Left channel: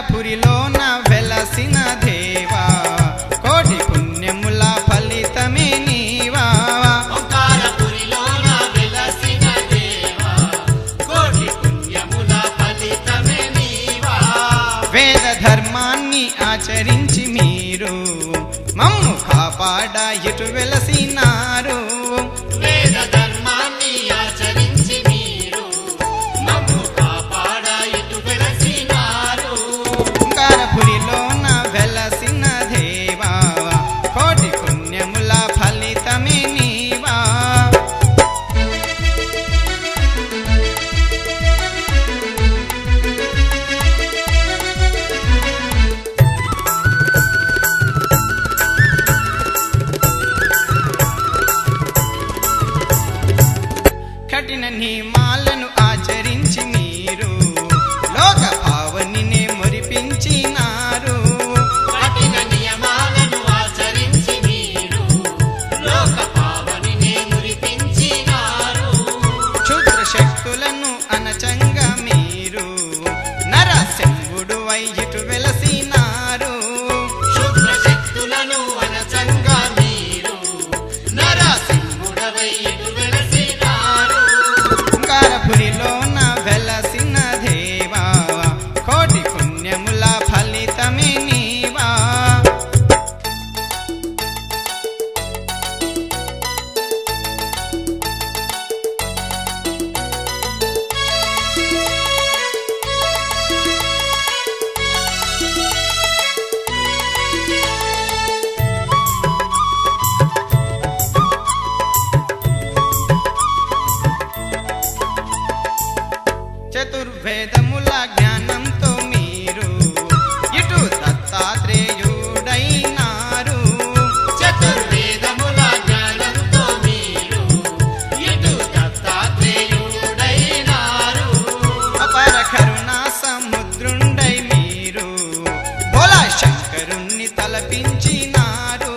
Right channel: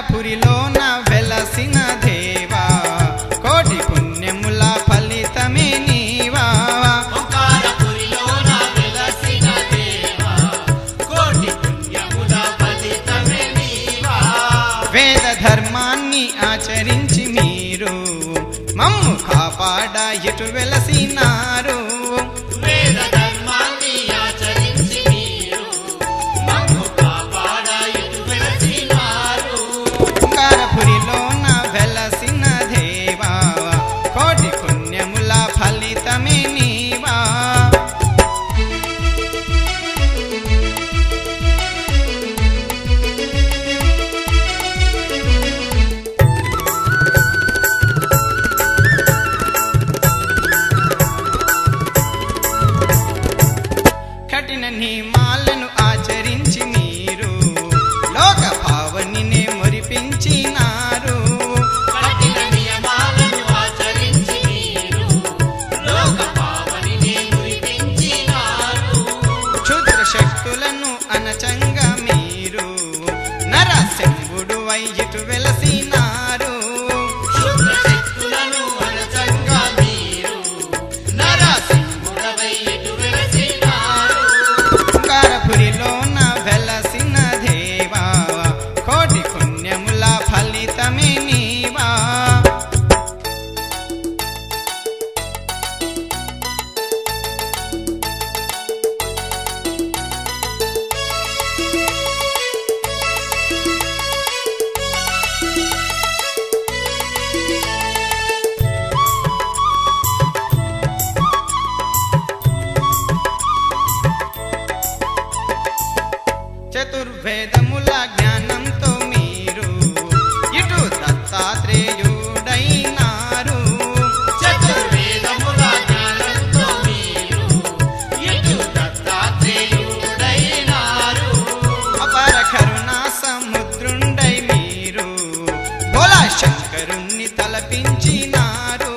ఓంకారపురిలోన వెలసిన దేవా కోటి పుణ్యముల ఫలితమే నీవా వేద ధర్మాన్ని ఆచరించి మీరు మమ్ము కాపాడ ఇటు వెలసినారు ఓంకారపురిలోన వెలసిన దేవా కోటి పుణ్యముల ఫలితమే నీవా కఠిన నియమాలను ఆచరించి మీరు లోక పావనినే మురిపించినారు క్షుద్ర శక్తులను అనచంగా మీరు నరసింహుడు ఇటు వెలసినారు ఓంకారపురిలోన వెలసిన దేవా కోటి పుణ్యముల ఫలితమే నీవా చతుర్వేదముల జ్ఞానంతో మీరు ఇటు దత్తాత్రేయుడైనారు అపర కరుణా సముద్రుండై మీరు భోలా శంకరుణ్ణి తలపించినారు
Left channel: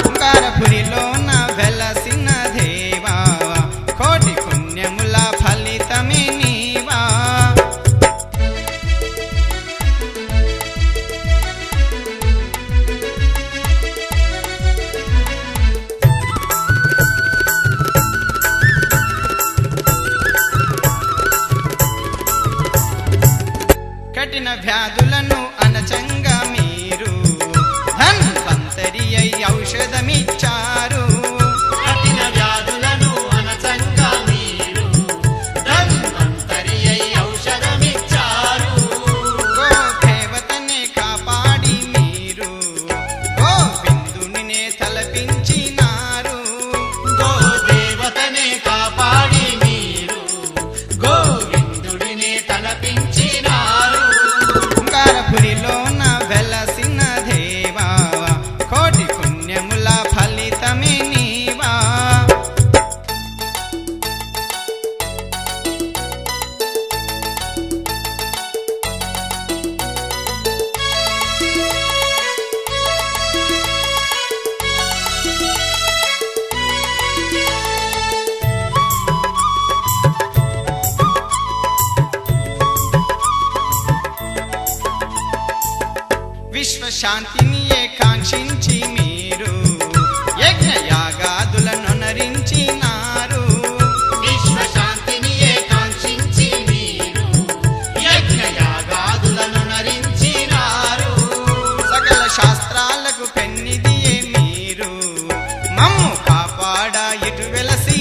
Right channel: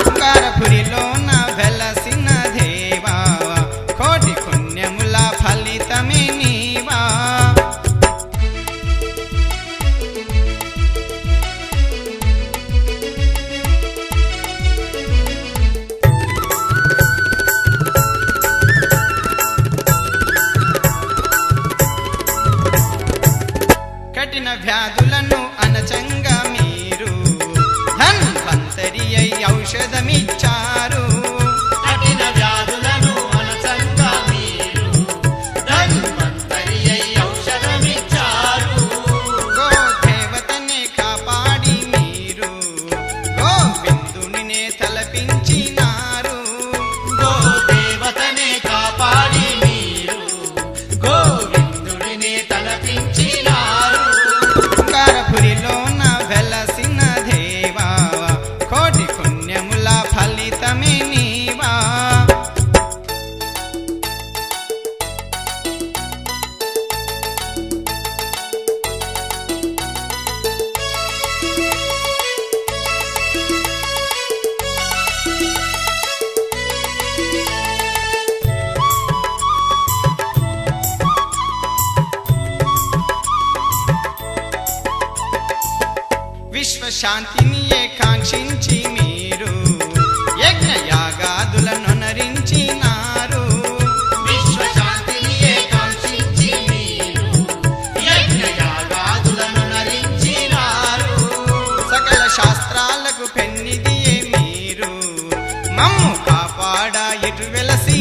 ఓంకారపురిలోన వెలసిన దేవా కోటి పుణ్యముల ఫలితమే నీవా కఠిన వ్యాధులను అనచంగా మీరు ధన్వంతరి అయి ఔషధమిచ్చారు గోదేవతనే కాపాడి మీరు గోవిందునినే తలపించినారు ఓంకారపురిలోన వెలసిన దేవా కోటి పుణ్యముల ఫలితమే నీవా విశ్వశాంతిని కాంక్షించి మీరు యజ్ఞయాగాదులను నరించినారు సకల శాస్త్రాలకు పెన్నిదియే మీరు మమ్ము కాపాడ ఇటు వెలసి